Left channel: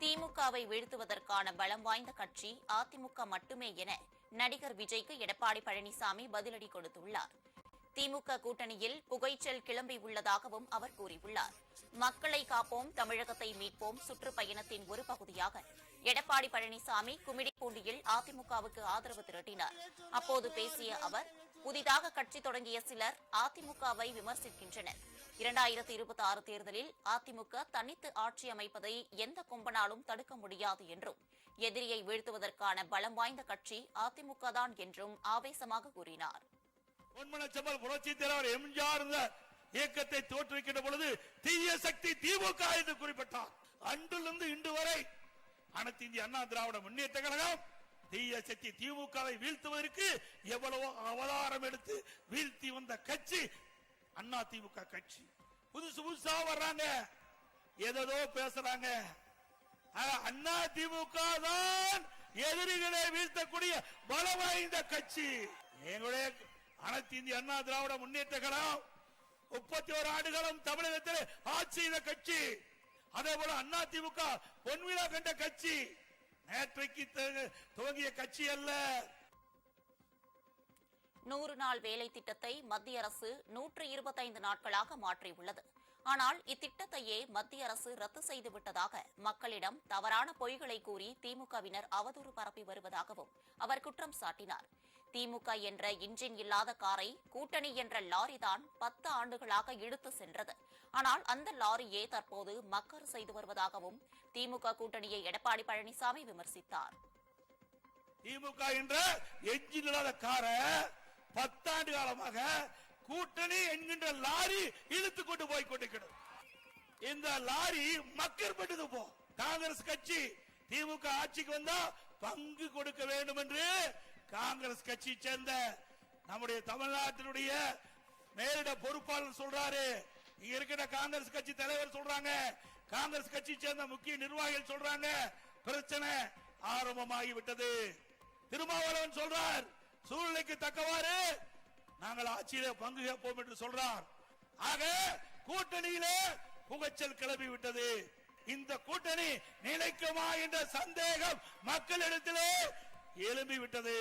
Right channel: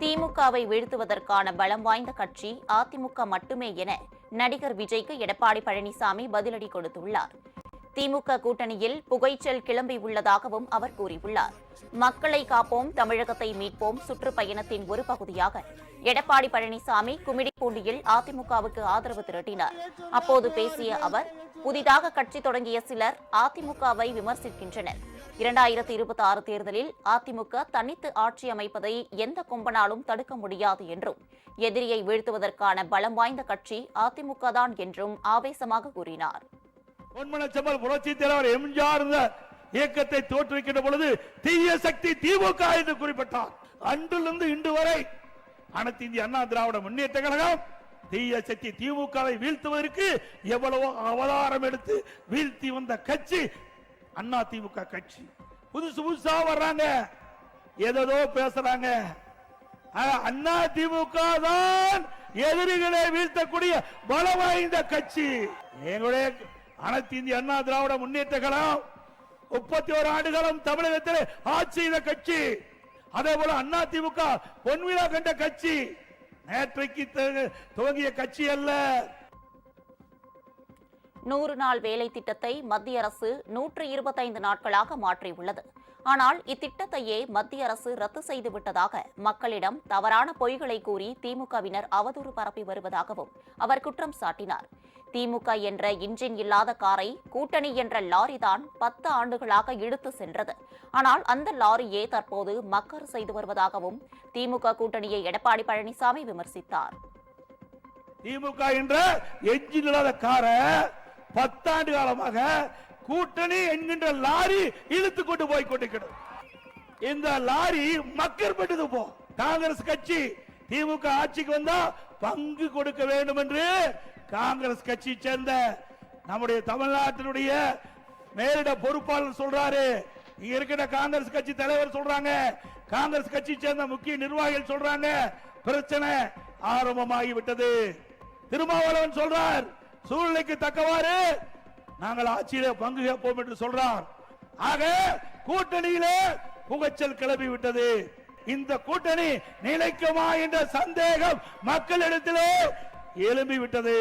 திமுகவை வீழ்த்துவதற்கான பலம் வாய்ந்த கட்சி அதிமுக மட்டுமே என நடிகர் விஜய்க்கு எடப்பாடி பழனிசாமி பதிலடி கொடுத்துள்ளார். திமுக கூட்டணியில் புகைச்சல் கிளம்பி உள்ளதாகவும் அவர் கூறியுள்ளார். மக்களை காப்போம், தமிழகத்தை மீட்போம் சுற்றுப்பயணத்தின் ஒரு பகுதியாக எடப்பாடி பழனிசாமி கும்மிடிப்பூண்டியில் அதிமுகவுக்கு ஆதரவு திரட்டினார். அப்போது பேசிய அவர், புதிதாக கட்சி தொடங்கிய சிலர் அதிமுகவை விமர்சிக்கின்றனர். 2026 தேர்தலில் அதிமுக தனித்து ஆட்சி அமைப்பதை எந்த கொம்பனாலும் தடுக்க முடியாது என்றும், எதிரியை வீழ்த்துவதற்கான பலம் வாய்ந்த கட்சி அதிமுக தான் என்றும் ஆவேசமாக கூறினார். பொன்மனச்செம்மல் புரட்சி தலைவர் எம்ஜிஆர் இயக்கத்தை தோற்றுவிக்கின்ற பொழுது தீய சக்தி திமுக என்று குறிப்பிட்டார். அன்றிலிருந்து இன்று வரை அனைத்து இந்திய அண்ணா திராவிட முன்னேற்ற கழகம் தீய சக்தி திமுகவை வீழ்த்துவதற்கு எவ்வளவோ அவதாரம் எடுத்து வீழ்த்தி வந்த கட்சி அண்ணா திமுக கட்சி. புதுசு புதுசா வர்றாங்க, ஏதோ பேசுறாங்க. அண்ணா திமுக தான் எதிரிகளை வீழ்த்தக்கூடிய பலம் வாய்ந்த கட்சி. எங்களுடைய அனைத்து இந்திய அண்ணா திராவிட முன்னேற்ற கழகம் 31 ஆண்டுகாலம் தமிழகத்தில் ஆட்சி செய்த கட்சி. அதே போல அண்ணா திமுக பொன்விழா கண்ட கட்சி, நேற்றைக்கு துவங்கிய கட்சி அல்ல. 100 நாள் வேலை திட்டத்தை மத்திய அரசு 125 நாட்களாக மாற்றியுள்ளது. ஆனால் இத்திட்டத்தையே மத்திய அரசு ரத்து செய்துவிட்டதாக மக்களிடம் தவறான பொய்களை கூறி திமுகவினர் அவதூறு பரப்பி வருவதாகவும் அவர் குற்றம் சாட்டினார். திமுக என்ற இன்ஜின் இல்லாத காரை கூட்டணி என்ற லாரிதான் 10 ஆண்டுகளாக இழுத்து சென்றது. ஆனால் அந்த லாரியே தற்போது மக்கர் செய்து வருவதாகவும் திமுக கூட்டணியை எடப்பாடி பழனிசாமி விமர்சித்தார். திமுக என்ற என்ஜின் இல்லாத காரை 10 ஆண்டு காலமாக கூட்டணி என்கின்ற லாரி இழுத்து கொண்டு போய் கொண்டிருக்கிறது. இந்த லாரி மக்கர் பட்டது போ. காங்கிரஸ் கட்சி திமுக ஆட்சிக்கு வந்தா பங்கு கொடுக்க வேண்டும் என்று காங்கிரஸ் கட்சி சேர்ந்த நம்முடைய தமிழ்நாட்டினுடைய மேலிட பொறுப்பாளர் சொல்றாரு. இங்க இருக்கிற காங்கிரஸ் கட்சி தலைவர் சொல்றாங்க, காங்கிரஸ் கட்சி சேர்ந்த முக்கிய நிர்வாகிகள் சொல்றாங்க, பிரச்சனை ஆரம்பமாகி விட்டது. திருமாவளவன் சொல்றார், சூழ்நிலைக்கு தக்கவாறு நாங்கள் ஆட்சியிலே பங்கு கேட்போம் என்று சொல்றார். ஆக கூட்டணியிலே புகைச்சல் கிளம்பி விட்டது. இந்த கூட்டணி நிலைக்குமா என்ற சந்தேகம் மக்களிடத்திலே எழும்பி விட்டது.